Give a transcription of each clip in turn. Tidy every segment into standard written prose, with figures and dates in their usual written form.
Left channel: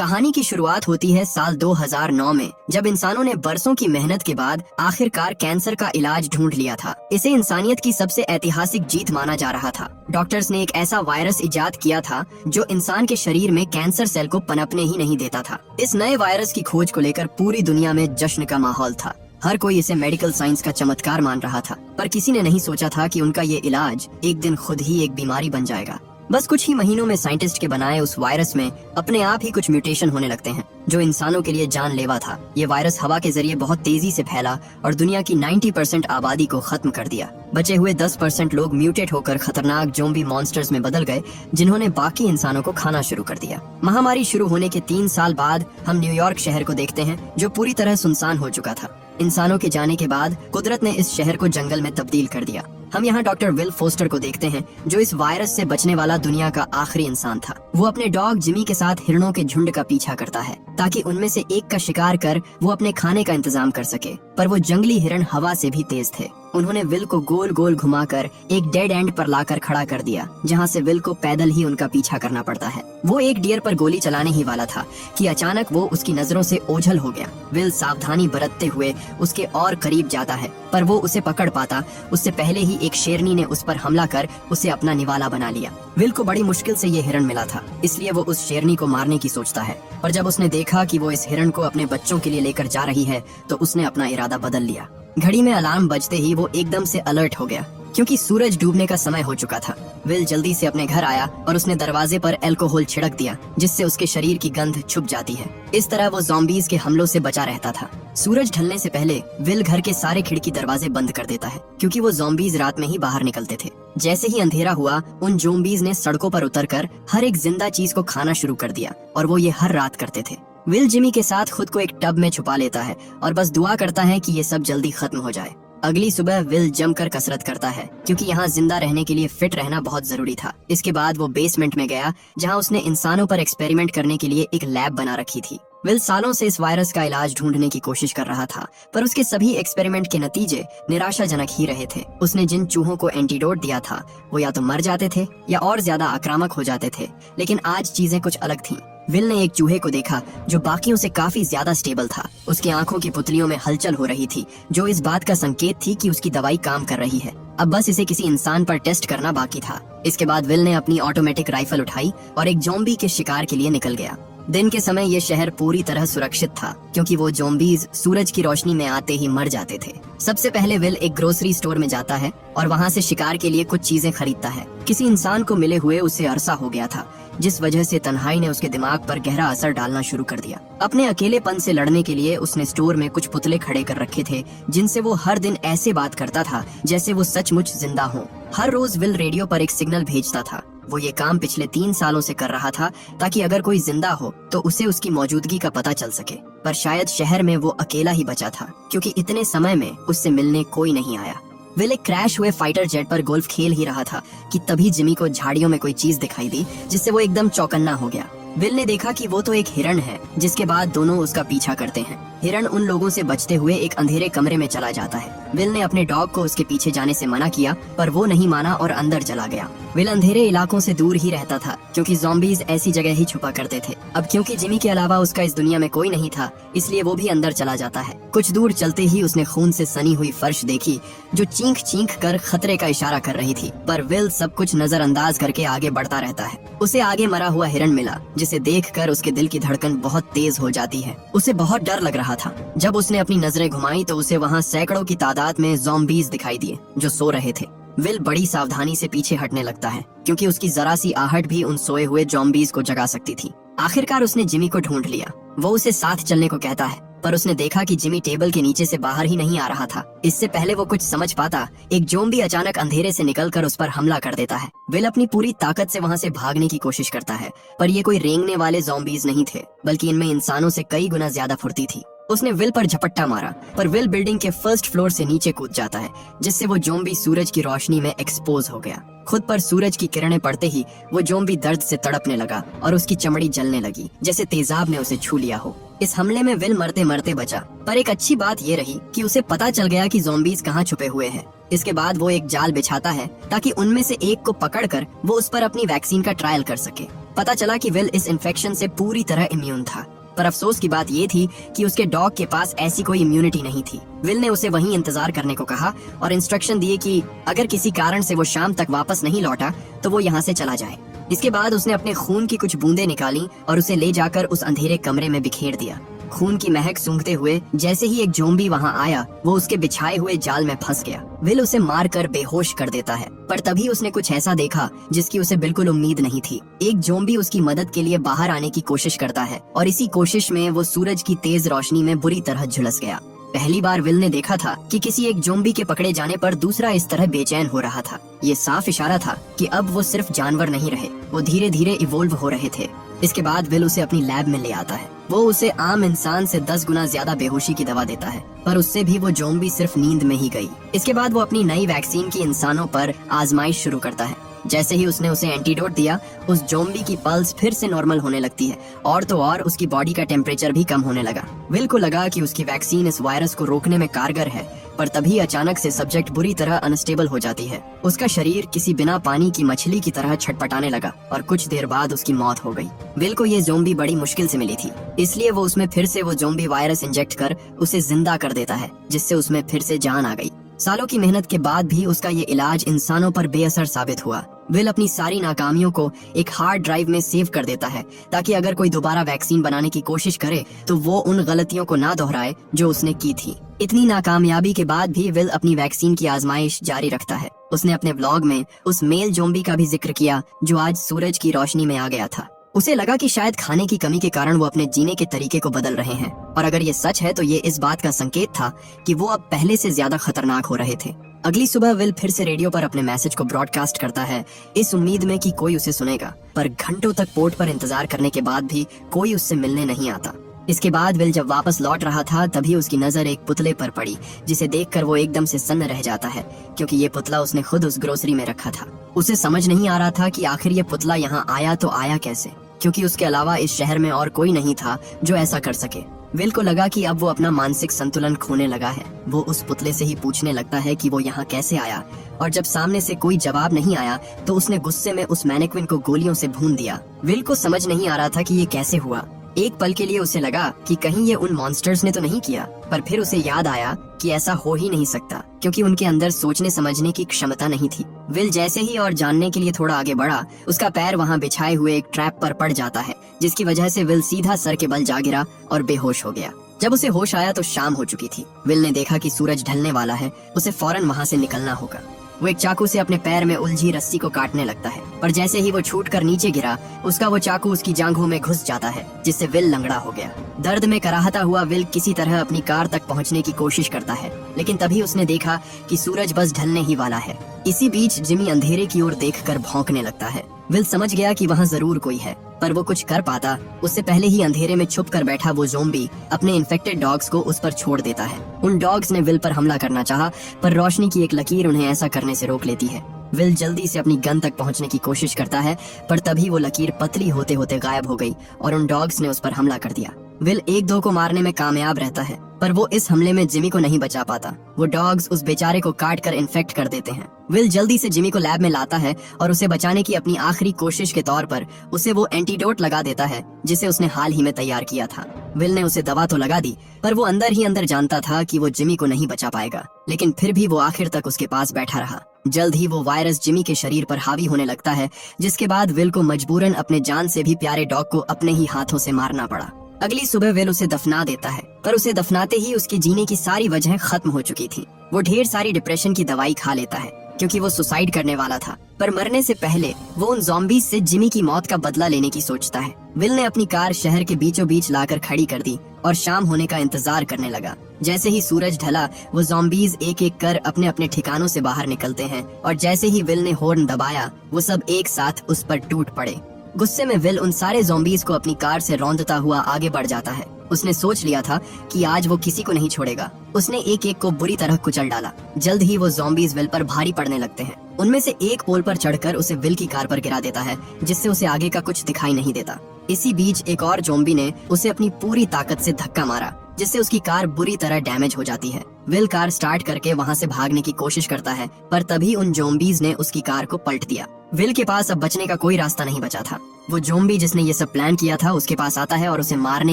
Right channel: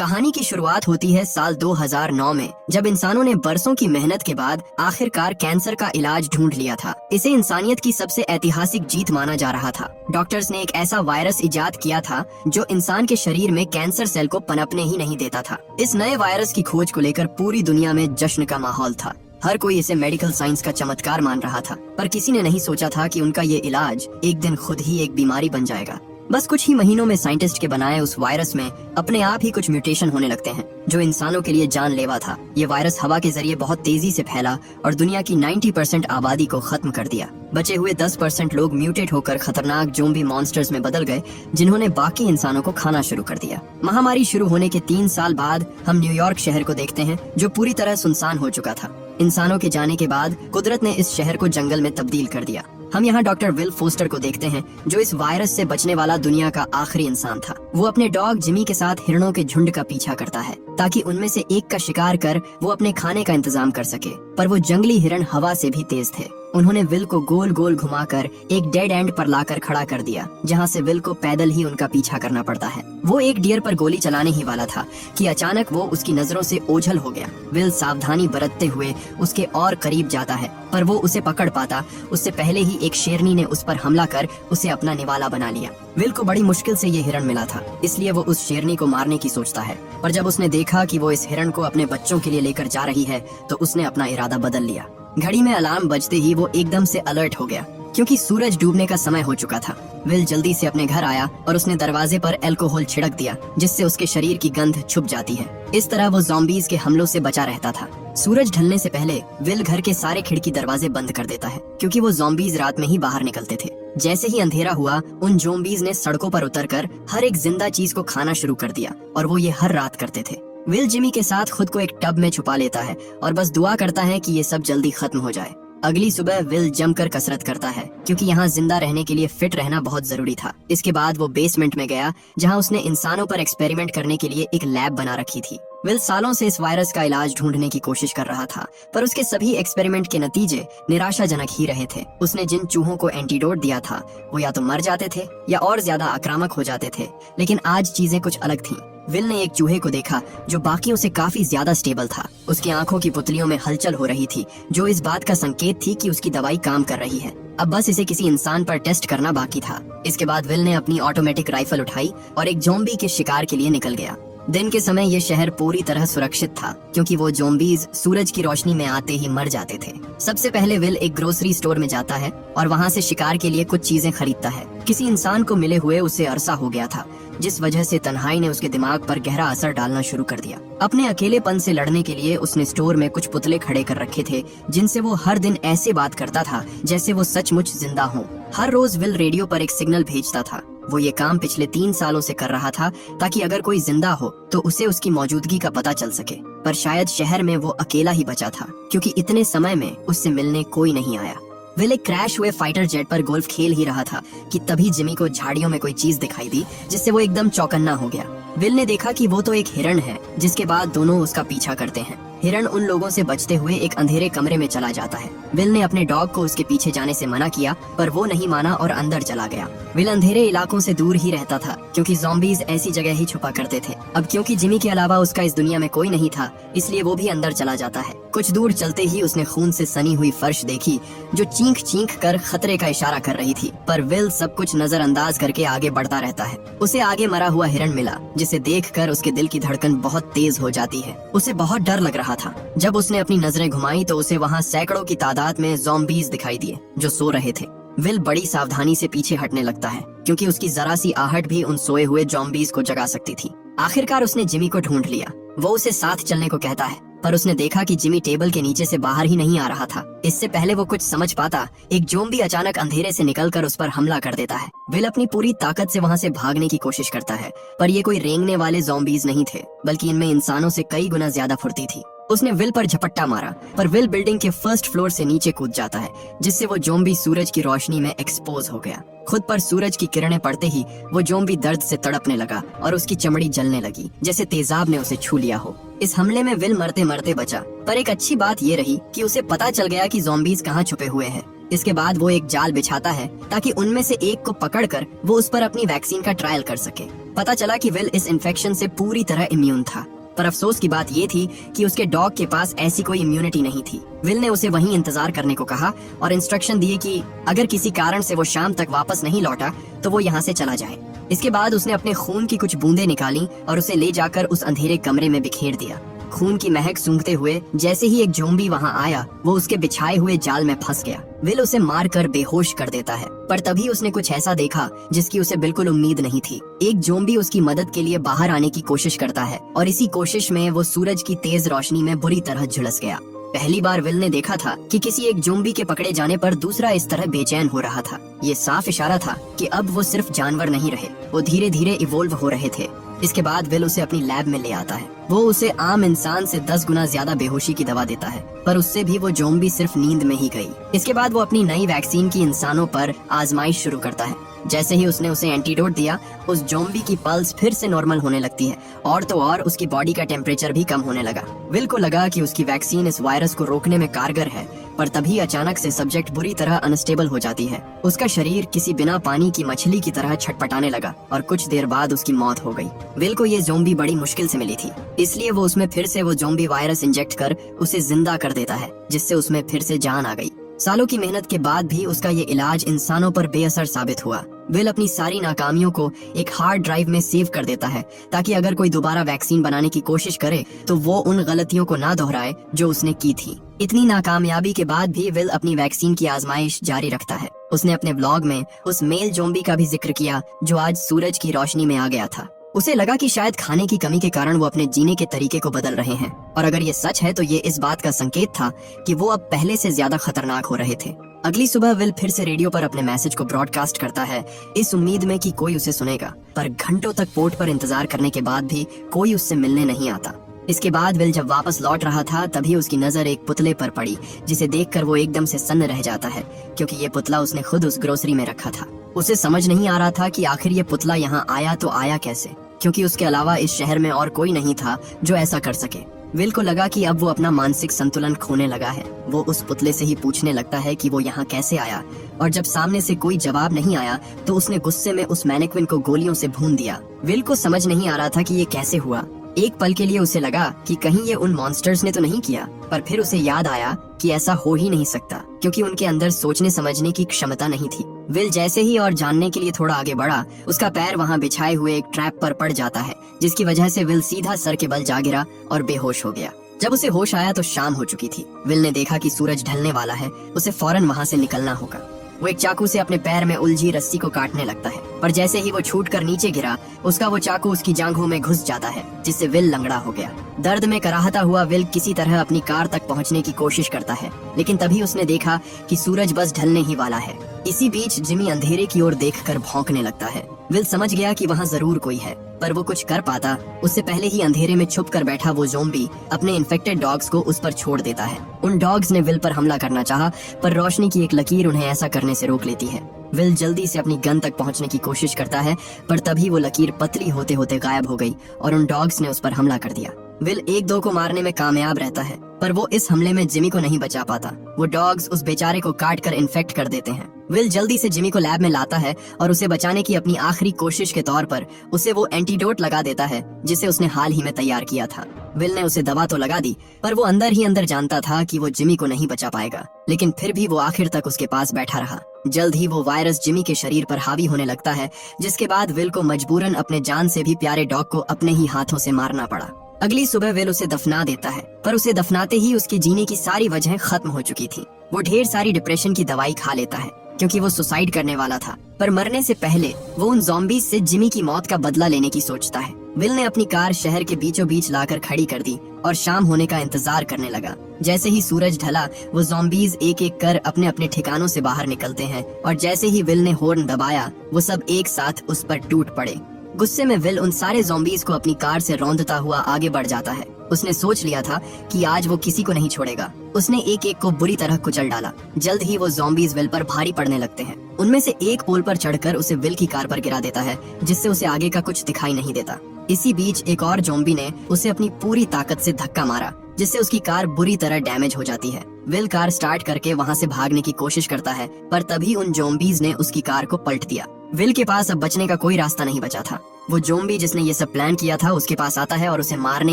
कहानी की शुरुआत होती है साल 2009 में, जब इंसानों ने बरसों की मेहनत के बाद आखिरकार कैंसर का इलाज ढूंढ लिया था। इसे इंसानियत की सबसे ऐतिहासिक जीत माना जा रहा था। डॉक्टर्स ने एक ऐसा वायरस इजाद किया था जो इंसान के शरीर में कैंसर सेल को पनपने ही नहीं देता था। इस नए वायरस की खोज को लेकर पूरी दुनिया में जश्न का माहौल था। हर कोई इसे मेडिकल साइंस का चमत्कार मान रहा था, पर किसी ने नहीं सोचा था कि उनका ये इलाज एक दिन खुद ही एक बीमारी बन जाएगा। बस कुछ ही महीनों में साइंटिस्ट के बनाए उस वायरस में अपने आप ही कुछ म्यूटेशन होने लगते हैं, जो इंसानों के लिए जानलेवा था। ये वायरस हवा के जरिए बहुत तेजी से फैला और दुनिया की 90% आबादी को खत्म कर दिया। बचे हुए 10% लोग म्यूटेट होकर खतरनाक ज़ोंबी मॉन्स्टर्स में बदल गए, जिन्होंने बाकी इंसानों को खाना शुरू कर दिया। महामारी शुरू होने के 3 साल बाद हम न्यूयॉर्क शहर को देखते हैं, जो पूरी तरह सुनसान हो चुका था। इंसानों के जाने के बाद कुदरत ने इस शहर को जंगल में तब्दील कर दिया। हम यहाँ डॉक्टर विल फोस्टर को देखते हैं, जो इस वायरस से बचने वाला दुनिया का आखिरी इंसान था। वो अपने डॉग जिमी के साथ हिरणों के झुंड का पीछा करता है, ताकि उनमें से एक का शिकार कर वो अपने खाने का इंतजाम कर सके। पर वो जंगली हिरण हवा से भी तेज थे। उन्होंने विल को गोल गोल घुमाकर एक डेड एंड पर लाकर खड़ा कर दिया, जहाँ से विल को पैदल ही उनका पीछा करना पड़ता है। वो एक डियर पर गोली चलाने ही वाला था कि अचानक वो उसकी नजरों से ओझल हो गया। विल सावधानी बरतते हुए उसके और करीब जाता है, पर वो उसे पकड़ पाता उससे पहले ही एक शेरनी ने उस पर हमला कर उसे अपना निवाला बना लिया। विल को बड़ी मुश्किल से ये हिरण मिला था, इसलिए वो उस शेरनी को मारने की सोचता है। पर जब उसने देखा कि वो इस हिरण को अपने बच्चों के लिए लेकर जा रही है, तो उसने अपना इरादा बदल लिया। घड़ी में अलार्म बजते ही वो एकदम से अलर्ट हो गया, क्योंकि सूरज डूबने का समय हो चुका था। विल जल्दी से अपने घर आया और उसने दरवाजे पर अल्कोहल छिड़क दिया, जिससे उसके शरीर की गंध छुप जाती है। इस तरह वो ज़ॉम्बीज़ के हमलों से बचा रहता था। सूरज ढलने से पहले विल घर के सारे खिड़की दरवाजे बंद कर देता है, क्योंकि वो ज़ॉम्बीज़ रात में ही बाहर निकलते थे। जैसे ही अंधेरा हुआ, उन ज़ॉम्बीज़ ने सड़कों पर उतरकर हर एक जिंदा चीज को खाना शुरू कर दिया, और वो ये हर रात करते थे। विल जिमी के साथ खुद को एक टब में छुपा लेता है और बस दुआ करता है कि ये सब जल्दी खत्म हो जाए। अगली सुबह विल जमकर कसरत करता है, क्योंकि यहाँ जिंदा रहने के लिए फिट रहना बहुत जरूरी था। इसके बाद वो बेसमेंट में गया, जहाँ उसने इंसानों पर एक्सपेरिमेंट करने के लिए एक लैब बना रखी थी। विल सालों से इस वायरस का इलाज ढूंढने की कोशिश कर रहा था, पर उसके सभी एक्सपेरिमेंट के नतीजे निराशाजनक ही रहे थे। उसने जिन चूहों को एंटीडोट दिया था, वो या तो मर जाते थे या और ज्यादा आक्रामक हो जाते थे। लेकिन आज चीजें कुछ अलग थीं। विल ने एक चूहे को देखा जो बाकियों से काफी ज्यादा स्टेबल था। उसकी आंखों की पुतलियों में हलचल हो रही थी, जो इस बात का संकेत थी कि उसकी दवाई काम कर रही है। अब बस इसे किसी इंसान पर टेस्ट करना बाकी था। इसके बाद विल ने अपनी ऑटोमेटिक राइफल उठाई और एक ज़ॉम्बी के शिकार के लिए निकल गया। दिन के समय ये शहर पूरी तरह सुरक्षित था, क्योंकि वो ज़ॉम्बीज़ सूरज की रोशनी में आते ही मर जाते थे। सबसे पहले विल एक ग्रोसरी स्टोर में जाता है और वहाँ से शिकार के लिए कुछ चीजें खरीदता है। किसी इंसान को मिले हुए उसे अरसा हो गया था, जिस वजह से तन्हाई ने उसके दिमाग पर गहरा असर डालना शुरू कर दिया। अपने अकेलेपन से लड़ने के लिए उसने स्टोर में कुछ पुतले खड़े कर रखे थे, जिनसे वो हर दिन ऐसे बात करता था जैसे वो सचमुच जिंदा हो। हर रोज विल रेडियो पर एक सिग्नल भेजता था। वो ये काम पिछले 3 सालों से कर रहा था, ताकि अगर कोई जिंदा हो तो उसे उसकी मौजूदगी का पता चल सके। पर शायद शहर में वो अकेला ही बचा था, क्योंकि इतने समय में उससे मिलने कोई नहीं आया। विल एक क्रैश हुए फाइटर जेट पर गोल्फ खेल ही रहा था कि तभी जिमी को झाड़ियों में कोई चीज दिखाई दी, जिससे वो एकदम चौकन्ना हो गया। विल ने देखा कि वो तो एक हिरण है, जिसके बाद दोनों उसका पीछा करते हैं। हिरण उन लोगों से बचते हुए एक अंधेरे कमरे में चला जाता है। विल ने अपने डॉग को उसके पीछे जाने से मना किया, पर वो नहीं माना और अंदर चला गया। विल अंधेरे इलाकों से दूर ही रहता था, क्योंकि ज़ॉम्बीज़ ऐसी जगह ही छुपा करते थे। अब क्योंकि जिमी के अलावा उसका इस दुनिया में कोई नहीं था, इसलिए वो भी अंदर चला जाता है। कुछ दूर चलते ही उसने खून से सनी हुई फर्श देखी, जो चीख चीख कर खतरे का इशारा कर रही थी। पर विल सब कुछ नजरअंदाज करके आगे बढ़ता रहता है। उसे आगे मरा हुआ हिरण मिला, जिसे देखकर उसके दिल की धड़कन बहुत तेज हो जाती है। उसे बहुत डर लग रहा था। जब उसने अपनी नजरें घुमाई तो उसे वहाँ सैकड़ों की तादाद में ज़ॉम्बीज़ दिखाई दिए, जो सो रहे थे। विल बड़ी सावधानी से पीछे हटने लगता है, क्योंकि उसकी जरा सी आहट भी उन सोए हुए ज़ॉम्बीज़ को जगा सकती थी। आखिरकार उसने जिमी को ढूंढ लिया। वो उसे साथ चलने को कहता है, पर उसने देखा कि जिमी टेबल के नीचे से बाहर ही नहीं आ रहा था। इससे पहले वो कुछ समझ पाता, एक ज़ॉम्बी अचानक अंधेरे से निकलकर उस पर हमला कर देता है। विल अपनी पूरी ताकत से वहाँ से भागने की कोशिश करता है, पर ये कोई रेंगने वाले ज़ॉम्बीज़ नहीं थे, बल्कि इनमें इंसानों से कई गुना ज्यादा फुर्ती थी। उसने विल पर झपट्टा मारा, पर विल बिल्डिंग के फर्स्ट फ्लोर से नीचे कूद जाता है, जिससे वो ज़ॉम्बी सूरज की रोशनी में एक्सपोज हो गया। खुद पर सूरज की किरणें पड़ते ही वो ज़ॉम्बी दर्द से तड़पने लगा और उसकी चमड़ी जलने लगी, जैसे तेजाब ने उसे छू लिया हो। इस हमले में विल मरते मरते बचा, पर एक अच्छी बात ये रही कि उसे पता चल गया कि ज़ॉम्बीज़ कहाँ छुपे हुए हैं। इसके बाद वो एक जाल बिछाता है ताकि उनमें से एक को पकड़कर वो उस पर अपनी वैक्सीन का ट्रायल कर सके। पता चला कि विल इस इन्फेक्शन से पूरी तरह इम्यून था, पर अफसोस की बात ये थी कि उसके डॉग के पास ऐसी कोई इम्यूनिटी नहीं थी। विल ने उसे वहीं इंतजार करने को कहा और इंस्ट्रक्शन दिए कि अगर किसी कारण से वो शाम तक वापस नहीं लौटा तो वो यहाँ से चला जाए। इसके बाद उसने अपने खून की कुछ बूंदें निकाली और उसे ले जाकर उस अंधेरे कमरे में बिखेर दिया। खून की महक सूंघते हुए जैसे ही एक ज़ॉम्बी वहाँ आया, वो उसके बिछाए हुए जाल में फंस गया। विल उसे मारकर बेहोश कर देता है, पर तभी उसने कुछ ऐसा देखा जिसकी उसे बिल्कुल उम्मीद नहीं थी। एक ज़ॉम्बी उसकी मदद के लिए बाहर आने की कोशिश करता है और इसी कोशिश में वो सूरज की तेज रोशनी में बुरी तरह झुलस गया। पहली बार विल ने देखा था कि किसी एक ज़ॉम्बी के पकड़े जाने पर दूसरा इस तरह बेचैन हो रहा था। ये साफ इशारा था कि अब वो सिर्फ जानवर नहीं रहे, वो धीरे धीरे इवोल्व हो रहे थे। इसके बाद विल उसे अपनी लैब में ले आता है। वो उसे आम इंसान से 10 गुना ज्यादा बेहोशी की दवा देता है, पर उससे भी वो ज़ॉम्बी सिर्फ नींद में ही गई। इसके बाद वो अपनी नई वैक्सीन की इंसानों पर आजमाइश शुरू करता है। जैसे ही उसने उसे एंटीडोट दिया, उस ज़ॉम्बी की पल्स फिर से नॉर्मल होने लगती है और तो और उसकी बॉडी का टेम्परेचर भी कम होने लगा। विल को लगा कि उसकी वैक्सीन इस वायरस को रोकने में कारगर है, पर तभी अचानक से सब्जेक्ट बुरी तरह अनस्टेबल हो जाती है। उसका शरीर किसी बिना पानी की मछली की तरह छटपटाने लगा और कुछ देर बाद उसकी मौत हो गई। विल को ये ज़ॉम्बी बड़ी मुश्किल से मिली थी, इसलिए वो उसमें फिर से वो ज़ॉम्बी वायरस इंजेक्ट कर उसे जिंदा कर देता है, जिससे उसमें फिर से जान आ गई। सालों की मेहनत के बाद भी उसका ये इलाज इंसानों पर बेअसर साबित हुआ। विल अपनी सारी नाकामियों को एक हार्ड ड्राइव में सेव कर देता है ताकि अगर कोई दोबारा वैक्सीन बनाने की कोशिश करे तो वो उन गलतियों को ना दोहराए जो उसने की थी। इतनी नाकामयाबी के बाद भी विल अपनी वैक्सीन की आजमाइश जारी रखता है। उसने अपने ब्लॉग में उस मेल ज़ॉम्बी का भी जिक्र किया जो आज सूरज की रोशनी में आ गया था। उसे लगा कि शायद खाने की कमी के कारण वो अपने जीने के तरीके को बदल रहे हैं, और अगर ये सच है तो ये इस बात का संकेत था कि वो अब पहले से ज्यादा खतरनाक हो रहे थे। अगली सुबह विल फिर से रेडियो पर अपने मैसेज को ब्रॉडकास्ट करता है, इस उम्मीद में कि कोई उसे सुनेगा, पर घंटों तक पोर्ट पर इंतजार करने के बाद भी कोई उससे मिलने नहीं आता। इसके बाद विल जब वापस लौट रहा था तभी उसकी नजर एक पुतले पर पड़ी, जिसे देखकर वो एकदम से सन्न रह जाता है, क्योंकि ये पुतला उसने खुद उस ग्रोसरी में रखा था। उसे समझ नहीं आ रहा था कि आखिर ये पुतला यहाँ आया तो आया कैसे, क्योंकि उसके अलावा इस शहर में और कोई नहीं था जो ऐसा कर सके। विल को लगा कि अब वो अपना मानसिक संतुलन खोने लगा है। वो उस पुतले से ही पूछने लगता है कि वो यहाँ कैसे आया, और जब सामने से कोई जवाब नहीं आया तो उसने गुस्से में उस मैनेक्विन को गोलियों से भून दिया। विल को समझ नहीं आ रहा था कि ये कैसे हुआ। एक पल के लिए उसे लगा कि कहीं ये उन मॉन्स्टर्स ने तो नहीं किया, पर फिर उसे याद आया कि ऐसा हो ही नहीं सकता, क्योंकि उनके अंदर सोचने समझने की क्षमता नहीं थी। विल जैसे ही और जानने के लिए थोड़ा आगे बढ़ा, उसका पैर वहाँ बिछाए हुए एक ट्रैप पर पड़ जाता है, जिसकी वजह से विल सीधा सर के बल जा गिरा और बेहोश हो गया। जब उसे होश आया तो शाम हो चुकी थी। विल ने देखा कि सूरज ढलने वाला है, उसे फौरन वहाँ से निकलना होगा। वो एक चाकू से अपने पैर में उलझी रस्सी को काटने लगता है, पर जैसे ही वो छूटकर नीचे गिरा, उसका वो चाकू उसकी जांघों में घुस जाता है, जिससे विल लंगड़ा हो गया। दर्द में कराहता हुआ विल किसी तरह अपनी कार तक पहुंचने की कोशिश करता है, लेकिन तभी उसने देखा कि सूरज बस ढलने ही वाला है। इसी बीच जिमी अंधेरे की ओर देखकर भौंकने लगता है। विल समझ गया कि वहाँ जरूर कोई है, पर वो कुछ कर पाता उससे पहले ही अंधेरे में छुप कर बैठा वो ज़ॉम्बी अपने इन्फेक्टेड डॉग्स को उस पर छोड़ देता है। उन डॉग्स ने विल पर हमला करना चाहा, पर रोशनी की एक लकीर उन्हें ऐसा करने से रोक लेती है। विल जल्दी से अपनी गन तक पहुंचने की कोशिश करता है, पर तभी वो लकीर पतली होते होते गायब हो गई और उन डॉग्स ने उस पर हमला कर दिया। विल एक दो को मारने में कामयाब रहता है, पर वो इस हमले में जिमी को नहीं बचा पाता। वो डॉग्स उस बेचारे को काट कर इन्फेक्ट कर देते हैं। विल जल्दी से जिमी को लैब में लाता है और उसे बचाने की अपनी आखिरी कोशिश के तौर पर उसे वो एंटीडोट लगा देता है, जिसे उसने हाल ही में तैयार किया था। विल ने उसे दवा तो लगा दी, पर वो अंदर ही अंदर जानता था कि वो जिमी को नहीं बचा पाएगा, लेकिन फिर भी वो आखिर तक उसके पास बैठा रहा। जल्द ही वो वायरस जिमी के शरीर पर हावी होने लगता है, जिसके बाद विल को मजबूरन अपने जान से भी प्यारे डॉग को अपने ही हाथों से मारना पड़ा। अगली सुबह विल उसे दफना देता है, पर उसे दफनाते ही उसके जीने की सारी वजह खत्म हो चुकी थी। वो ढेर सारी डिप्रेशन की दवाई खा लेता है, क्योंकि वो सुसाइड करने वाला था, पर मरने से पहले वो उन ज़ॉम्बीज से जिमी की मौत का बदला लेने की सोचता है। विल ने अपनी कार शहर के बीचों बीच लाकर खड़ी कर दी और शाम होने का इंतजार करने लगा। जैसे ही सूरज ढला, वो ज़ॉम्बीज एक एक कर अपने अपने ठिकानों से बाहर निकलते हैं, और जैसे ही विल ने हॉर्न दबाया, वो सब एक साथ उस पर टूट पड़े। गुस्से में विल उन सारे ज़ॉम्बीज को अपनी कार से रौंदता हुआ आगे बढ़ जाता है। उसने सोच लिया था कि आज वो किसी को नहीं छोड़ेगा। उसने एक एक को बुरी तरह कुचल डाला। जल्द ही वो ज़ॉम्बीज विल पर भारी पड़ने लगते हैं। उनमें से एक पोल पर चढ़कर उसे विल की कार पर गिरा देता है, जिससे उसे आगे का कुछ दिखाई नहीं देता। इसी बीच एक और ज़ॉम्बी ने उसे अपनी पूरी ताकत से धक्का मारा, जिससे उसकी कार बुरी तरह डैमेज हो जाती है। विल कार स्टार्ट करके वहाँ से भागने की कोशिश करता है, पर तभी उन ज़ॉम्बीज़ ने उसकी कार को पलट दिया। विल के पास अब बचने का कोई रास्ता नहीं बचा था। वो ज़ॉम्बी जिसने ये सब प्लान किया था उसके पास आता है और उसे मारने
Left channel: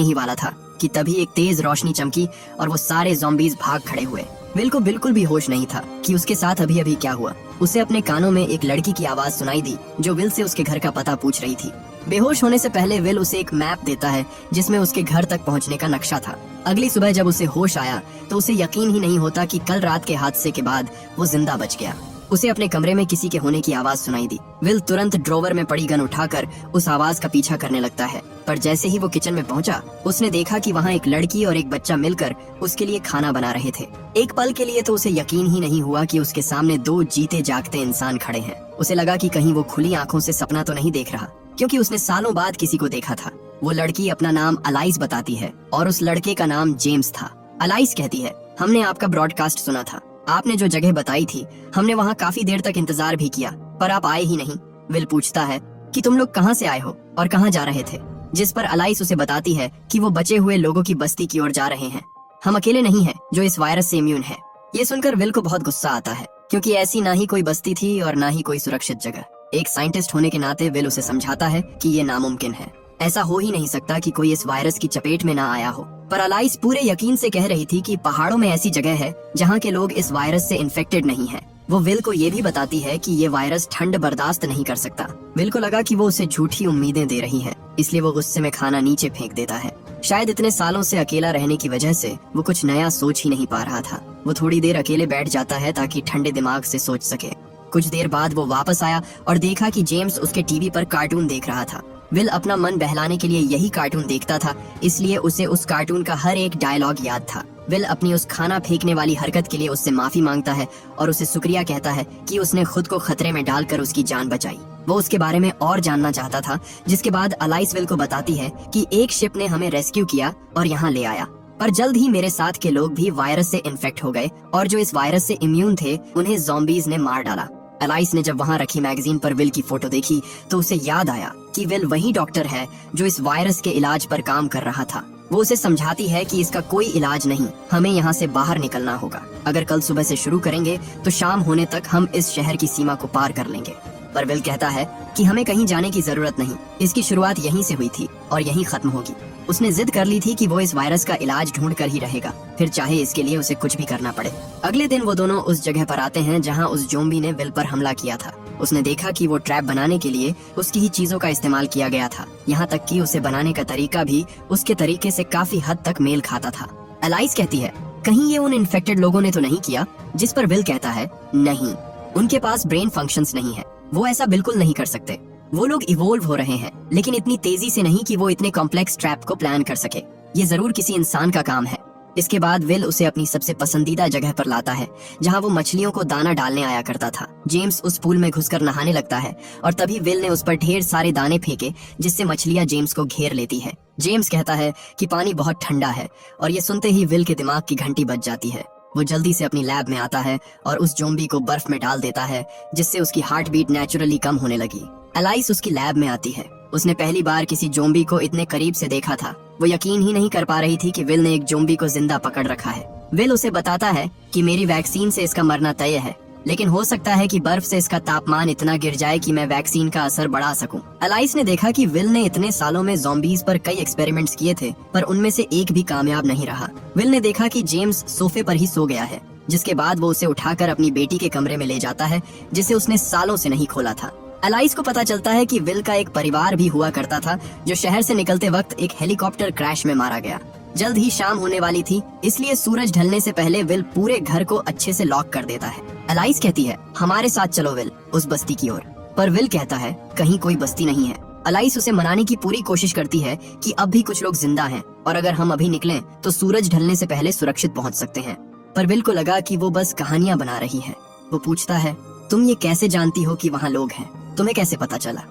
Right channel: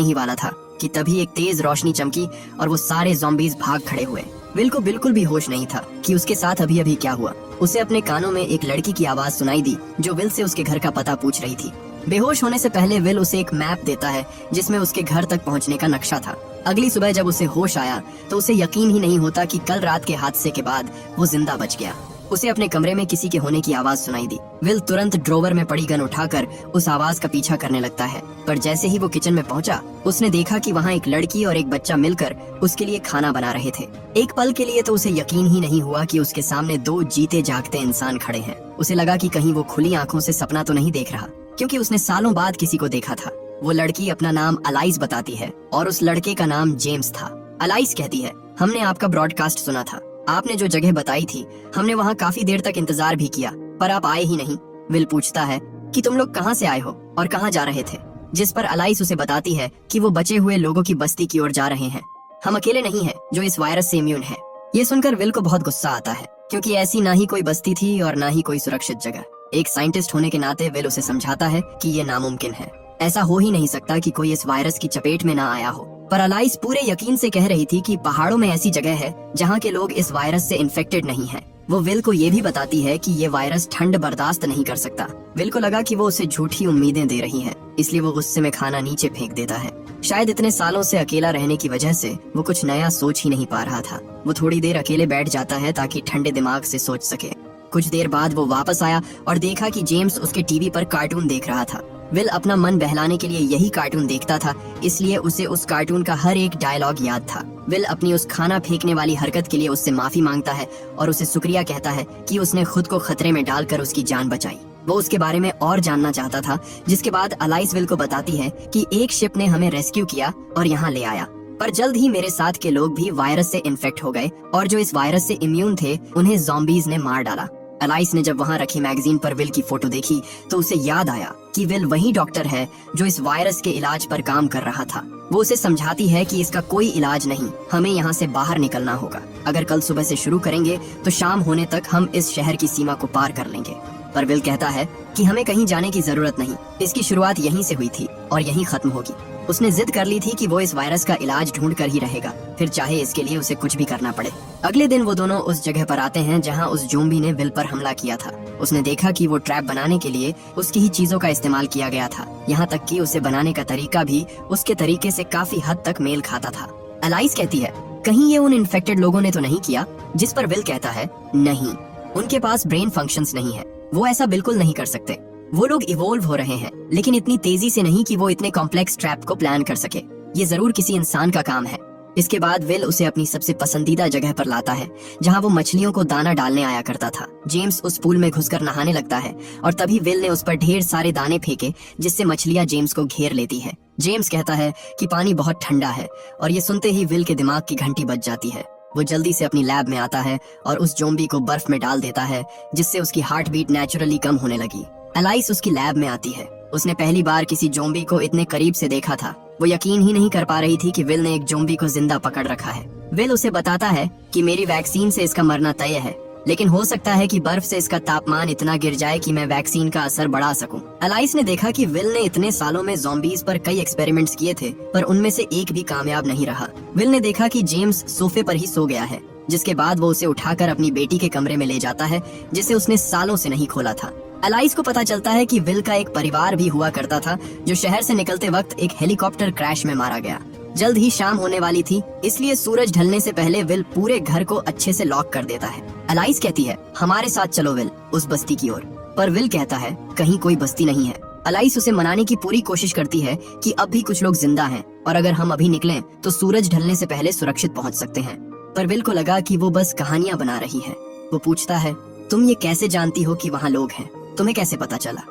ही वाला था कि तभी एक तेज रोशनी चमकी और वो सारे ज़ॉम्बीज़ भाग खड़े हुए। विल को बिल्कुल भी होश नहीं था कि उसके साथ अभी अभी क्या हुआ। उसे अपने कानों में एक लड़की की आवाज सुनाई दी जो विल से उसके घर का पता पूछ रही थी। बेहोश होने से पहले विल उसे एक मैप देता है जिसमें उसके घर तक पहुंचने का नक्शा था। अगली सुबह जब उसे होश आया तो उसे यकीन ही नहीं होता कि कल रात के हादसे के बाद वो जिंदा बच गया। उसे अपने कमरे में किसी के होने की आवाज सुनाई दी। विल तुरंत ड्रॉवर में पड़ी गन उठाकर उस आवाज का पीछा करने लगता है, पर जैसे ही वो किचन में पहुंचा उसने देखा कि वहाँ एक लड़की और एक बच्चा मिलकर उसके लिए खाना बना रहे थे। एक पल के लिए तो उसे यकीन ही नहीं हुआ कि उसके सामने दो जीते जागते इंसान खड़े हैं। उसे लगा कि कहीं वो खुली आंखों से सपना तो नहीं देख रहा, क्योंकि उसने सालों बाद किसी को देखा था। वो लड़की अपना नाम अलाइस बताती है और उस लड़के का नाम जेम्स था। अलाइस कहती है, हमने आपका ब्रॉडकास्ट सुना था, आपने जो जगह बताई थी हमने वहाँ काफी देर तक इंतजार भी किया पर आप आए ही नहीं। विल पूछता है कि तुम लोग कहाँ से आए हो और कहाँ जा रहे थे, जिस पर अलाइस उसे बताती है कि वो बचे हुए लोगों की बस्ती की ओर जा रहे हैं। हम अकेले नहीं हैं जो इस वायरस से इम्यून है। ये सुनकर विल को बहुत गुस्सा आता है, क्योंकि ऐसी ना ही कोई बस्ती थी और ना ही कोई सुरक्षित जगह। एक साइंटिस्ट होने के नाते विल उसे समझाता है कि ये नामुमकिन है, ऐसा हो ही नहीं सकता कि कोई इस वायरस की चपेट में ना आया हो। पर अलाइस पूरे यकीन से कह रही थी कि पहाड़ों में ऐसी जगह है जहाँ के लोग इस वायरस से इन्फेक्टेड नहीं हैं। वो विल को ये भी बताती है कि ये वायरस ठंड बर्दाश्त नहीं कर सकता। विल को लगा कि वो उसे झूठी उम्मीदें दे रही है, इसलिए वो गुस्से में खाना नीचे फेंक देता है। शायद इतने सालों से अकेला रहने की वजह से वो कुछ नया सोच ही नहीं पा रहा था। वो थोड़ी देर अकेले बैठ जाता है ताकि ठंडे दिमाग से सोच सके। कुछ देर बाद वो वापस आया और देखा कि जेम्स उसके टीवी पर कार्टून देख रहा था। विल अपना मन बहलाने के लिए यही कार्टून देखता था, इसलिए उसे उस कार्टून का हर एक डायलॉग याद था। विल अपनी उस खाना फेंकने वाली हरकत के लिए उससे माफी मांगता है और उसे शुक्रिया कहता है कि उसने खुद को खतरे में डालकर उसकी जान बचाई। वो उसके बारे में और जानना चाहता था, जिसके बाद अलाइस विल को बताती है कि एक शिप ने हमें रेस्क्यू किया और यहाँ ले आया, पर जल्द ही मेरे साथ के लोग भी वायरस से इन्फेक्ट हो गए और जो इस वायरस से इम्यून थे उन्हें ज़ॉम्बीज ने मार डाला। अलाइस ने जब वहाँ रखी मैगजीन पर विल की फोटो देखी तो उसे याद आया कि विल वही डॉक्टर है जो इस वायरस के इलाज पर काम कर रहा था। वो उसे समझाती है कि इसका कोई इलाज नहीं, हमें यहाँ से बाहर निकलना होगा। अगर कल सुबह से शुरू करेंगे तो शाम होने तक हम इस शहर की सीमा को पार कर लेंगे। पर विल कहता है कि हमें कहीं जाने की जरूरत नहीं, इसकी शुरुआत यहीं से हुई थी और यहीं खत्म होगी। उसने जिद कर ली थी कि वो इस वायरस का इलाज ढूंढ कर ही रहेगा, फिर चाहे इसके लिए उसे कुछ भी करना पड़े। अगले दिन वो दोनों उस जगह पर आते हैं जहां उस ज़ॉम्बी ने विल पर हमला किया था। उसने देखा कि वो ट्रैप बनाने के लिए उसकी ही चीजों का इस्तेमाल किया गया था, यहाँ तक कि उसे बनाने का तरीका भी उसके तरीके से काफी हद तक मेल खाता था। अलाइस कहती है, कहीं ये उन इन्फेक्टेड लोगों ने तो नहीं किया? जिस पर विल कहता है, नहीं, उनके पास ब्रेन फंक्शंस नहीं है, वो ऐसा बिल्कुल नहीं कर सकते। वो लोग इवोल्व हो रहे हैं, लेकिन इतनी तेजी से नहीं कि वो इतने कॉम्प्लेक्स ट्रैप को प्लान कर सके। ये जरूर किसी इंसान का काम है। इसके बाद विल उसे अपनी सबसे पसंदीदा जगह पर लाता है जहां वो मछलियों को दाना डालने आया करता था। जेम्स उस पूल में घुसकर नहाने लगता है और तभी विल ने उस पर ढेर सारे दाने फेंके जिससे मछलियां जेम्स को घेर लेती है। जेम्स कहता है कि पानी बहुत ठंडा है और ये सुनते ही विल के दिमाग की घंटी बज जाती है। वो जल्दी से अपनी लैब में आता है और उस ज़ॉम्बी को बर्फ में डाल देता है, जिससे उसकी हार्ट बीट नेचुरली कम होने लगी। अलाइस उसकी लैब में आती है। उसने पहली बार किसी ज़ॉम्बी को इतने करीब से देखा था। वो यकीन ही नहीं कर पा रही थी कि विल ने एक ज़ॉम्बी को जिंदा पकड़ रखा है। विल उसे बताता है कि मेरी वैक्सीन से इसका मरना तय है, लेकिन हो सकता है कि बर्फ से इसका तापमान इतना गिर जाए कि मैं वैक्सीन का असर बढ़ा सकूं। अलाइस ने देखा कि विल ने इतने सालों में ज़ॉम्बीज पर कई एक्सपेरिमेंट्स किए थे, पर उनमें से एक भी कामयाब नहीं रहा। विल ने देखा कि जेम्स सोफे पर ही सो गया है, जिसके बाद वो उसे उठाकर अपनी बेटी के कमरे में ले जाता है, जिसे उसने सालों से नहीं खोला था। अलाइस को पता चलता है कि विल का एक परिवार भी हुआ करता था, जो शहर से निकलते वक्त एक हेलीकॉप्टर क्रैश में मारा गया। जल्द ही शाम होने वाली थी, इसलिए सूरज ढलने से पहले विल पूरे घर को अच्छे से लॉक कर देता है। अलाइस कहती है, हमारे साथ चलो विल, उस बस्ती की ओर। पर विल कहता है, कहीं कोई बस्ती नहीं है। अलाइस उसे मनाने की पूरी कोशिश करती है कि अब भी कुछ लोग जिंदा हैं और अगर हम अभी निकलें तो सूरज ढलने से पहले सुरक्षित पहुंच सकते हैं। पर विल को लगा कि वो बस कहानियां बना रही है। वो पूछता है, तुम ये कैसे जानती हो कि वहाँ लोग हैं? तुम्हें कैसे पता चला?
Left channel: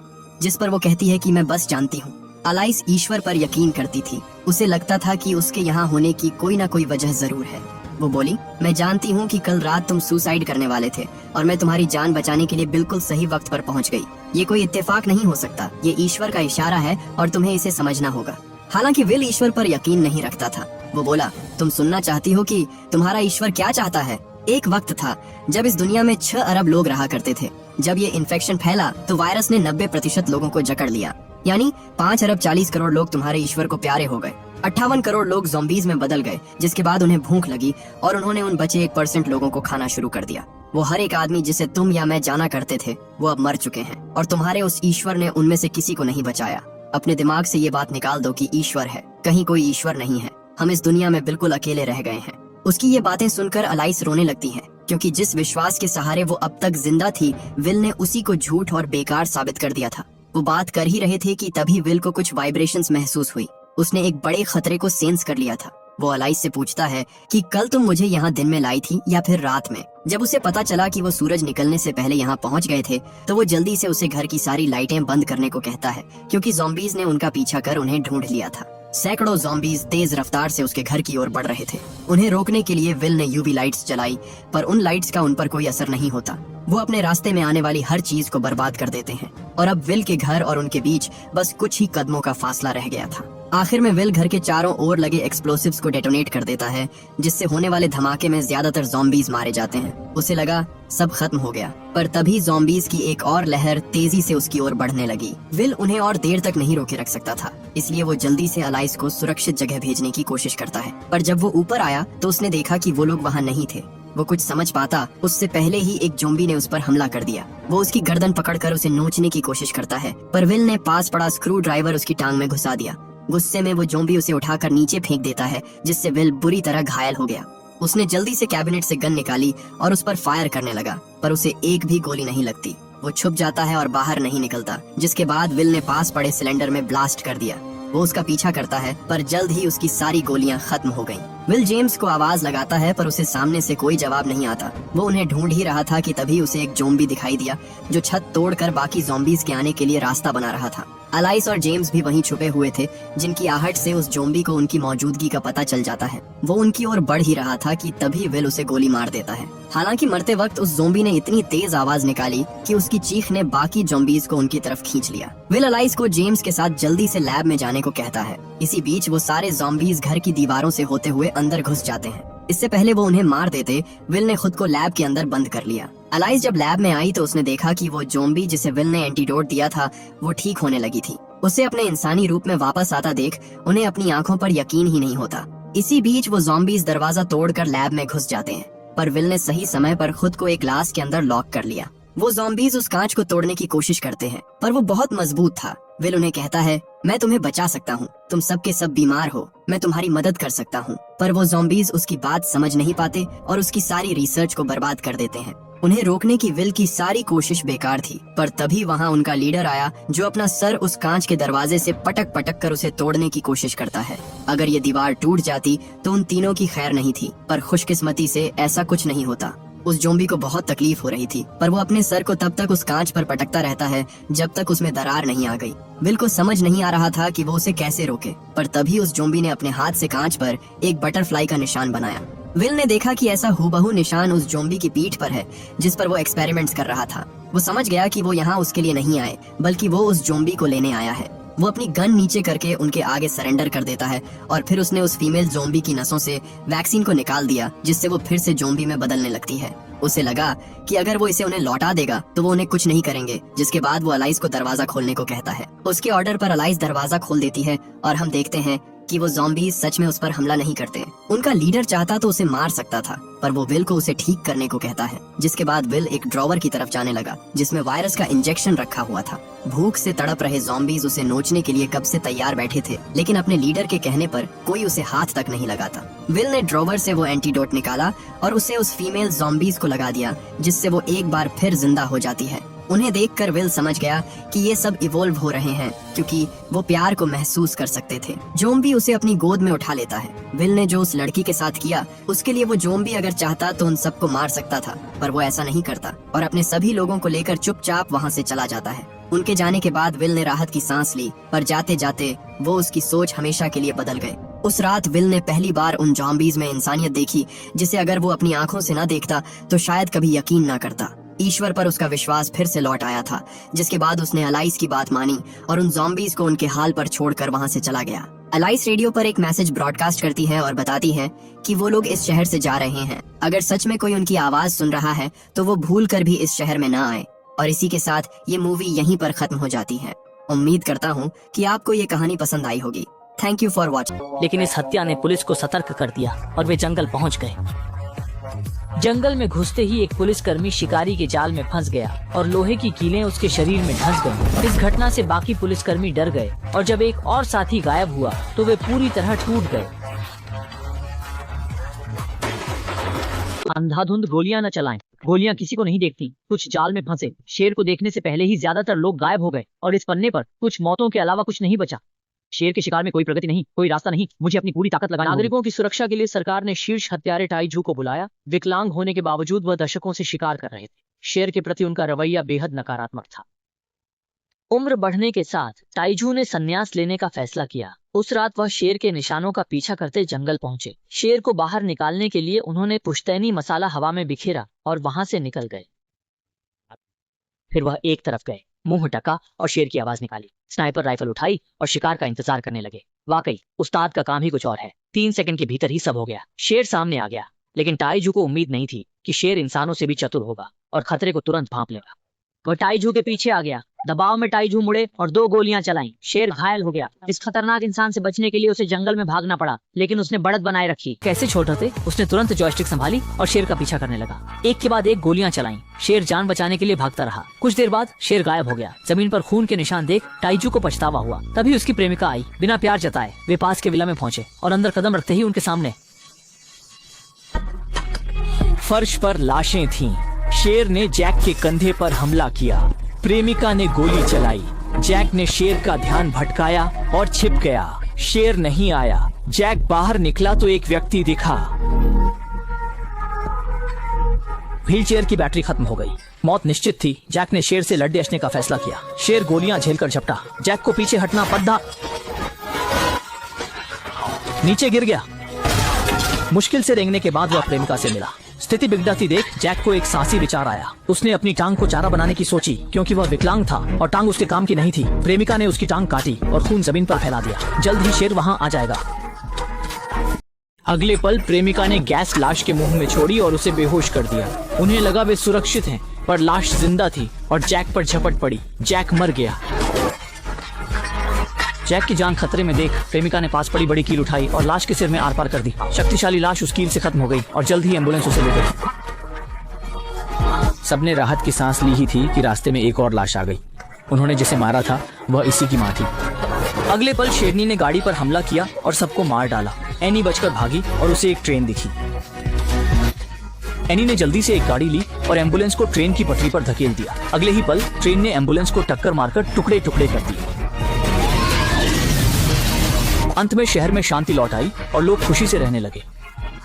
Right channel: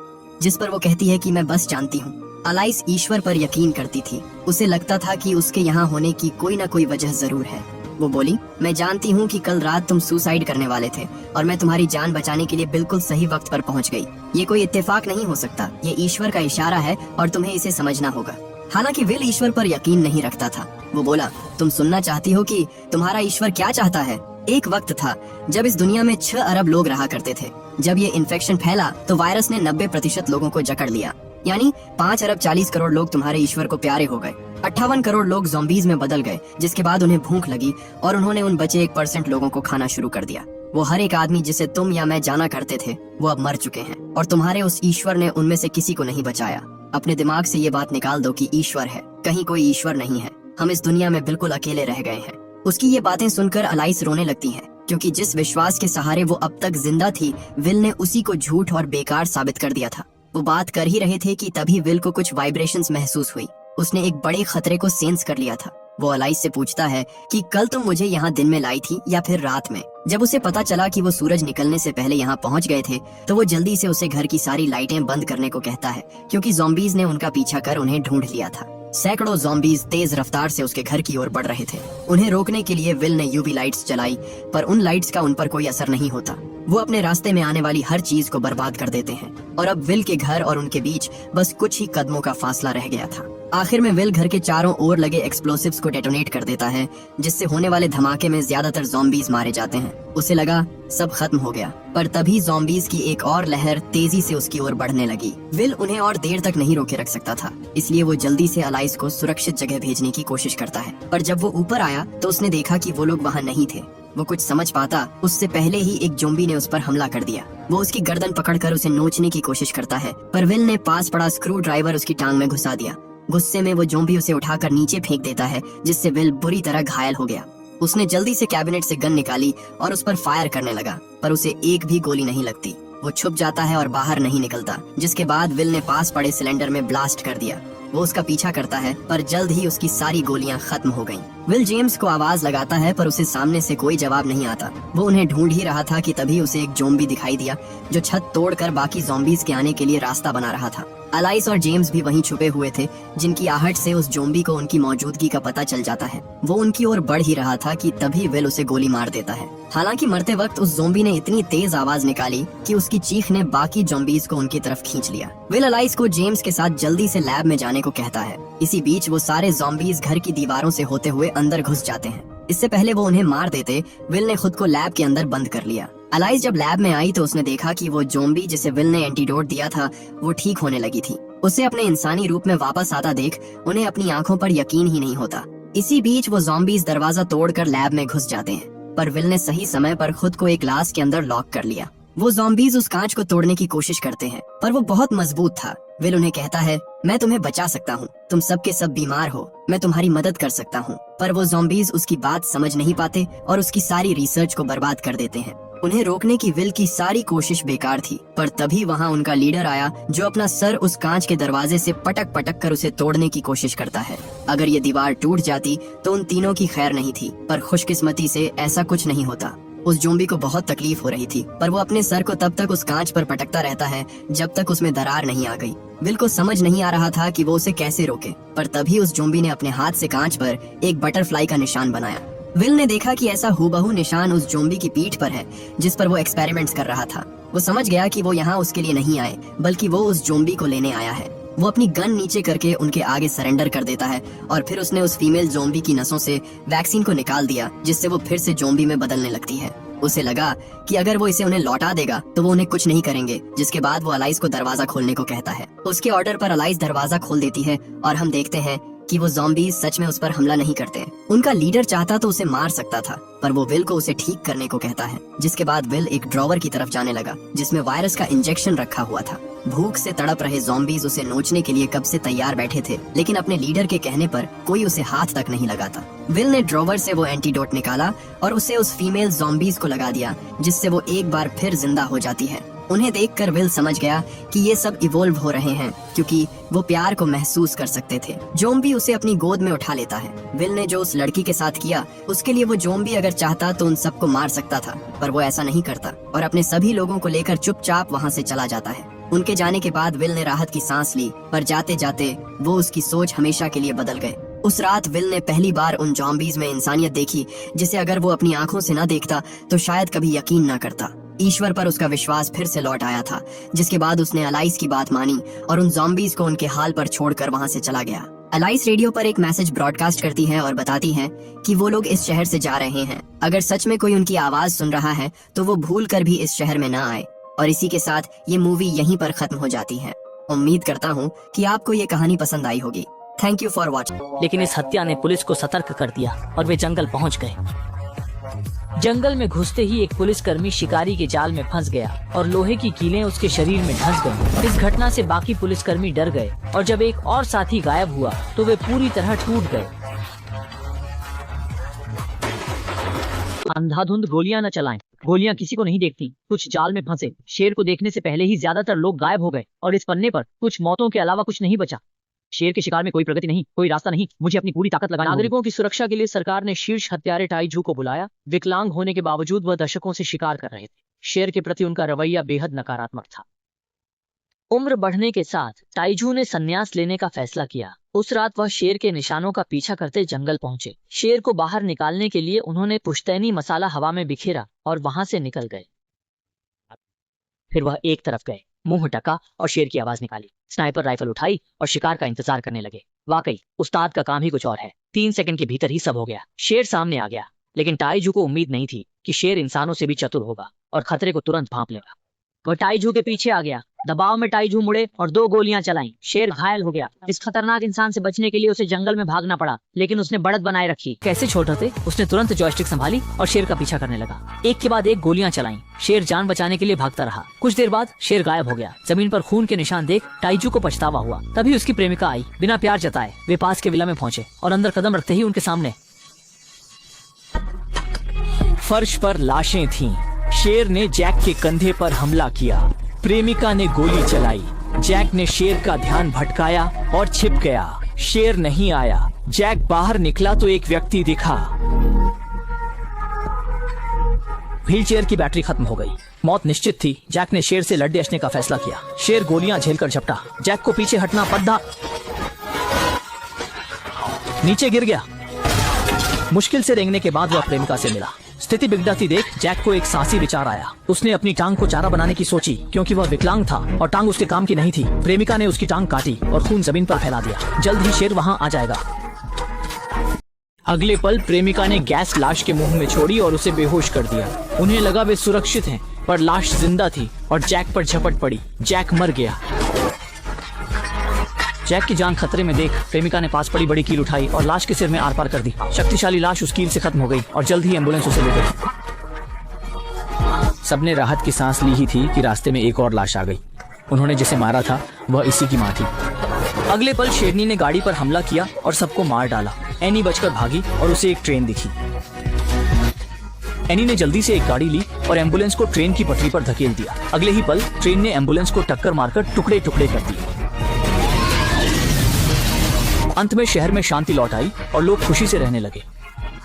जिस पर वो कहती है कि मैं बस जानती हूँ। अलाइस ईश्वर पर यकीन करती थी। उसे लगता था कि उसके यहाँ होने की कोई ना कोई वजह जरूर है। वो बोली, मैं जानती हूँ कि कल रात तुम सुसाइड करने वाले थे और मैं तुम्हारी जान बचाने के लिए बिल्कुल सही वक्त पर पहुँच गई। ये कोई इत्तेफाक नहीं हो सकता, ये ईश्वर का इशारा है और तुम्हें इसे समझना होगा। हालांकि विल ईश्वर पर यकीन नहीं रखता था, वो बोला, तुम सुनना चाहती हो कि तुम्हारा ईश्वर क्या चाहता है? एक वक्त था जब इस दुनिया में 6 अरब लोग रहा करते थे। जब ये इन्फेक्शन फैला तो वायरस ने 90% लोगों को जकड़ लिया, यानी 5 अरब 40 करोड़ लोग तुम्हारे ईश्वर को प्यारे हो गए। 58 करोड़ लोग ज़ॉम्बीज में बदल गए, जिसके बाद उन्हें भूख लगी और उन्होंने उन बचे 1% लोगों को खाना शुरू कर दिया। वो हर एक आदमी जिसे तुम या मैं जाना करते थे वो अब मर चुके हैं और तुम्हारे उस ईश्वर ने उनमें से किसी को नहीं बचाया। अपने दिमाग से ये बात निकाल दो कि ईश्वर है, कहीं कोई ईश्वर नहीं है। हम इस दुनिया में बिल्कुल अकेले रह गए हैं। उसकी ये बातें सुनकर अलाइस रोने लगती है, क्योंकि जिस विश्वास के सहारे वो अब तक जिंदा थी, विल ने उसी को झूठ और बेकार साबित कर दिया था। वो बात कर ही रहे थे कि तभी विल को कुछ वाइब्रेशंस महसूस हुई। उसने एक बड़े खतरे को सेंस कर लिया था। वो अलाइस से पूछता है कि कल तुम मुझे यहाँ दिन में लाई थी या फिर रात में? जब उसे पता चला कि वो सूरज निकलने से पहले यहाँ पहुँच गए थे, तो वो जल्दी से उसे घर की सारी लाइटें बंद करने को कहता है, क्योंकि ज़ॉम्बीज ने उनका पीछा कर उन्हें ढूंढ लिया था। सैकड़ों ज़ॉम्बीज तेज रफ्तार से उसके घर की ओर बढ़ रहे थे। उन्हें रोकने के लिए विल ने यूवी लाइट्स जलाई, पर उन लाइट्स का उन पर कोई असर नहीं होता। वो अपने रास्ते में आने वाली हर चीज को बर्बाद कर देते हैं और अब विल के घर और उनके बीच बस कुछ ही कदमों का फासला रह गया था। आखिर में विल घर के चारों ओर लगे एक्सप्लोसिव्स को डेटोनेट कर देता है, जिससे होने वाले धमाके में ज्यादातर ज़ॉम्बीज मारे जाते हैं। उसे लगा सब खत्म हो गया, पर तभी ज़ॉम्बीज की एक और लहर तेजी से उसकी ओर बढ़ने लगी। विल उन्हें और देर तक नहीं रोके रख सकता था, इसलिए वो जल्दी से अलाइस को सुरक्षित जगह भेजने की कोशिश करता है। पर जब वो ऊपर आया तो उसने देखा कि वो लोग वहाँ नहीं थे। वो कुछ समझ पाता उससे पहले ही एक ज़ॉम्बी ने उस पर हमला कर दिया। वो उसकी गर्दन पकड़कर उसे नोचने की कोशिश करता है, पर विल ने पास पड़ा स्क्रू ड्राइवर उसकी टांग में घुसा दिया। गुस्से में वो ज़ॉम्बी उसे उठाकर नीचे फेंक देता है, जिससे विल बुरी तरह घायल हो गया। उसने जल्दी से कैबिनेट से गन निकाली और उस पर फायर करने लगा, पर उसे एक भी गोली नहीं लगती। वो छुप जाता है और बाहर नहीं निकलता, जिसके बाद विल ने पास पड़े सिलेंडर में ब्लास्ट कर दिया। वो उसका पीछा करता है, पर जल्द ही उसकी सारी गोलियां खत्म हो गईं। विल जेम्स को आवाज लगाता है, पर उसे सामने से कोई जवाब नहीं आता। वो उन्हें ढूंढ ही रहा था कि तभी उसे एक ज़ॉम्बी दिखाई दिया, जो छत तोड़कर बाकी ज़ॉम्बीज के आने के लिए रास्ता बना रहा था। अलाइस और जेम्स भी वहीं छुपे हुए थे, जिनकी आहट से उस ज़ॉम्बी को उनकी मौजूदगी का पता चल जाता है। वो उनकी ओर बढ़ ही रहा था कि तभी विल उसे गोली मार देता है। हालांकि मरते वक्त उस ज़ॉम्बी ने इतनी तेज आवाज निकाली कि उसकी चीख ने बाकी ज़ॉम्बीज को उनकी तरफ खींच लिया। विल अलाइस को जेम्स के साथ जल्दी से लैब में जाने को कहता है। इसी बीच वो सारे ज़ॉम्बीज घर की दीवारों से होते हुए अंदर घुस जाते हैं। इससे पहले वो उन्हें मार देते, विल ने खुद को लैब के अंदर बंद कर लिया। अलाइस जब लैब में आई तो उसने देखा कि वो ज़ॉम्बी जिसे विल ने एंटीडोट दिया था, वो ठीक होने लगी थी। उसे अपने इंसानी रूप में वापस आता देख उन्हें अपनी आंखों पर यकीन ही नहीं होता। इसी बीच वो ज़ॉम्बीज दरवाजा तोड़कर लैब में घुस जाते हैं, पर विल ने सही समय पर खुद को एक ग्लास के अंदर लॉक कर लिया। वो ज़ॉम्बीज उस कांच को तोड़ने की कोशिश करते हैं, पर वो बहुत मजबूत था। विल उन्हें कहता है, मैं तुम्हें बचा सकता हूँ, तुम सब के सब बीमार हो, मैं तुम्हारी मदद कर सकता हूँ। पर वो ज़ॉम्बीज उसकी बात समझ नहीं पाते और उसकी सारी रिसर्च को बर्बाद कर देते हैं। उन्हें रोकने की विल की सारी कोशिश बेकार थी, पर तभी वहाँ उनका लीडर आया, जो अपना सर उस कांच के दरवाजे से पटक पटक कर उसे तोड़ने की कोशिश करता है। अगर ये दीवार टूट जाती तो उन तीनों की खैर नहीं थी, पर खुशकिस्मती से ऐसा कुछ नहीं होता। उस ज़ॉम्बी को बहुत तकलीफ हो रही थी, पर वो अपने सर को तब तक उस कांच पर पटकता रहता है जब तक उसमें दरार नहीं आ गई। विल को समझ नहीं आ रहा था कि वो उसे कैसे रोके, पर तभी उस ज़ॉम्बी ने अपने हाथ से कांच पर एक बटरफ्लाई का निशान बनाया। विल ने देखा कि ऐसा हूबहू निशान उस ज़ॉम्बी की पीठ पर है, जिस पर वो एक्सपेरिमेंट्स कर रहा था। वो समझ गया कि वो यहाँ उसके लिए नहीं आए, बल्कि वो उस ज़ॉम्बी को लेने आया है। वो अपनी गन नीचे करके उनके आगे सरेंडर कर देता है और फिर उसने उस फीमेल ज़ॉम्बी की नसों से वैक्सीन को निकाल दिया, जिससे वो फिर से ज़ॉम्बी में बदलने लगती है। उसे लगा कि अगर वो इसे उन्हें लौटा देगा तो वो उन्हें कुछ नहीं करेंगे, जिसके बाद वो अलाइस को दरवाजा खोलने को कहता है। उसके ऑर्डर पर अलाइस दरवाजा खोल देती है और हम देखते हैं कि वो ज़ॉम्बीज सच में उस पर हमला नहीं करते। उनका लीडर चाहता तो उसे मार सकता था, पर वो विल को उसे ठीक करने को कहता है। जिसके बाद विल एक ड्रॉवर की तरफ जाने लगा, जिसमें वायरस का इंजेक्शन रखा हुआ था। भूख से तड़प रहे ज़ॉम्बीज उसे नोचने के लिए कब से तैयार बैठे थे, लेकिन अपने लीडर के कहने पर कोई उसे हाथ तक नहीं लगाता। विल ने ड्रॉवर से वो एंटीडोट निकाला और उसे उस फीमेल ज़ॉम्बीज को लगा दिया, जिससे वो एक बार फिर जिंदा हो जाती है। उन्हें देखकर विल समझ गया कि ये सब इवॉल्व हो रहे हैं, क्योंकि वो प्यार को महसूस कर सकते थे। ज़ॉम्बी उसे अपनी गोद में उठा लेता है। विल ने जो उस लड़की के साथ किया, उसके लिए वो ज़ॉम्बी अगर चाहता तो उन सबको मार सकता था, पर वो ऐसा नहीं करता और अपने सभी लोगों को लेकर चुपचाप वहाँ से चला जाता है। उनके जाने के बाद विल ने राहत की सांस ली, पर जाते जाते वो उसकी सोच हमेशा के लिए बदल गए। उस रात विल ने पहली बार उन ज़ॉम्बीज में इंसानियत देखी, जिसे अगर वो अपनी आंखों से न देखता तो शायद कभी यकीन न करता। ईश्वर पर उसका विश्वास फिर से लौट आया था, जिसके बाद उसने अलाइस की बात मानी और उन ज़ॉम्बीज को उनके हाल पर छोड़कर वहां से चला गया। अलाइस रेडियो पर एक मैसेज ब्रॉडकास्ट करती है और बताती है कि वो लोग इस शहर से जा रहे हैं। अगर सच में कोई उनकी आवाज सुन रहा है तो वो भूल कर भी इस शहर में न आए। और इसी के साथ ये मूवी यहीं पर खत्म हो जाती है। उम्मीद करता हूँ कि आपको ये कहानी पसंद आई होगी। Thank you for watching. लेकिन इस हत्या ने पुलिस को सतर्क कर दिया और वे जंगल पहुंच गए। जंगल में घुसते ही एक पुलिसकर्मी शिकारी के जाल में फंस गया और लोहे की कीलें उसके शरीर में धंस गईं। इस घटना से बाकी पुलिसकर्मी डर गए और जब एक और साथी गायब हुआ तो वे पूरी तरह टूट गए। अंधाधुंध गोलियां न चलाएं। गोलियां किसी को नहीं देखती। कुछ जाल में फंसे शेर को देखने से पहले ही ज्यादातर लोग गायब हो गए और इस पन्ने पर कुछ मौतों के अलावा कुछ नहीं बचा। शेर के शिकार में कोई प्रगति नहीं, कोई रास्ता नहीं। मुझे अपनी पूरी ताकत लगानी होगी। नागरिकों की सुरक्षा के लिए सरकार ने शीर्ष हत्यारे टाइजू को बुलाया। विकलांग होने के बावजूद वह दशकों से शिकार कर रहे थे। शेर के प्रति उनका रवैया बेहद नकारात्मक था। उम्र बढ़ने के साथ टाइजू ने संन्यास लेने का फैसला किया। उस रात वह शेर के निशानों का पीछा करते जंगल पहुंचे। शेर को बाहर निकालने के लिए उन्होंने पुश्तैनी मसाला हवा में बिखेरा और वहां से निकल गए। फिर वह एक तरफ गए, मुंह ढका और शेर की आवाज निकाली। स्नाइपर राइफल उठाई और शिकार का इंतजार करने लगे। वाकई उस्ताद का काम ही कुछ और है। 3 सेकंड के भीतर ही सब हो गया। शेर सामने आ गया, लेकिन टाइजू को उम्मीद नहीं थी कि शेर इंसानों से भी चतुर होगा और खतरे को तुरंत भांप लेगा। वह टाइजू के पीछे आ गया। दबाव में टाइजू मुड़े और 2 गोलियां चलाईं। शेर घायल हो गया। इस खतरनाक इंसान से बचने के लिए उसे जंगल में भागना पड़ा, लेकिन उसने बढ़त बनाए रखी। कैसे छोड़ थे? उसने तुरंत जॉयस्टिक संभाली और शेर का पीछा करने लगा। एक के बाद एक गोलियां चलाईं। शेर जान बचाने के लिए भागता रहा। कुछ देर बाद शेर गायब हो गया। जमीन पर खून के निशान देख टाइजू को पछतावा हुआ। तभी उसकी प्रेमिका आई। बिना प्यार जताए वे पास के विला में पहुंचे और अंदर कदम रखते ही उनके सामने फर्श पर लाशें थीं। शेर ने जैक के कंधे पर हमला किया। प्रेमिका ने गोली चलाई। जैक ने शेर का ध्यान भटकाया और छिप गया। शेर नहीं आया। जैक बाहर निकला तो एक व्यक्ति दिखा। व्हीलचेयर की बैटरी खत्म हो गई। मौत निश्चित थी। जैक ने शेर से लड़ने अड़ने का फैसला किया। शेर गोलियां झेलकर झपटा। जैक को पीछे हटना पड़ा। नीचे गिर गया। मुश्किल से रेंगने के बाद वह प्रेमिका से मिला। स्थिति बिगड़ती देख जैक को एक साहसी विचार आया। उसने अपनी टांग को चारा बनाने की सोची, क्योंकि वह विकलांग था और टांग उसके काम की नहीं थी। प्रेमिका ने उसकी टांग काटी और खून जमीन पर फैला दिया। जल्द ही शेर वहां आ जाएगा। अगले पल प्रेमिका ने गैस लाश के मुंह में छोड़ी और उसे बेहोश कर दिया। उन्हें लगा वे सुरक्षित हैं, पर लाश जिंदा थी और जैक पर झपट पड़ी। जैक मर गया। जैक की जान खतरे में देख प्रेमिका ने पास पड़ी बड़ी कील उठाई और लाश के सिर में आर पार कर दी। शक्तिशाली लाश उस कील से खत्म हो गई और जल्द ही एम्बुलेंस उसे ले गई। सबने राहत की सांस ली ही थी कि रास्ते में एक और लाश आ गई। उन्होंने जिसे मारा था वह इसी की मां थी। अगले पल शेरनी ने गाड़ी पर हमला किया और सबको मार डाला। एनी बचकर भागी और उसे एक ट्रेन दिखी। एनी ने जल्दी से एक गाड़ी ली और एम्बुलेंस को ट्रेन की पटरी पर धकेल दिया। अगले ही पल ट्रेन ने एम्बुलेंस को टक्कर मारकर टुकड़े टुकड़े कर दिए। अंत में शहर में शांति लौट आई और लोग खुशी से रहने लगे।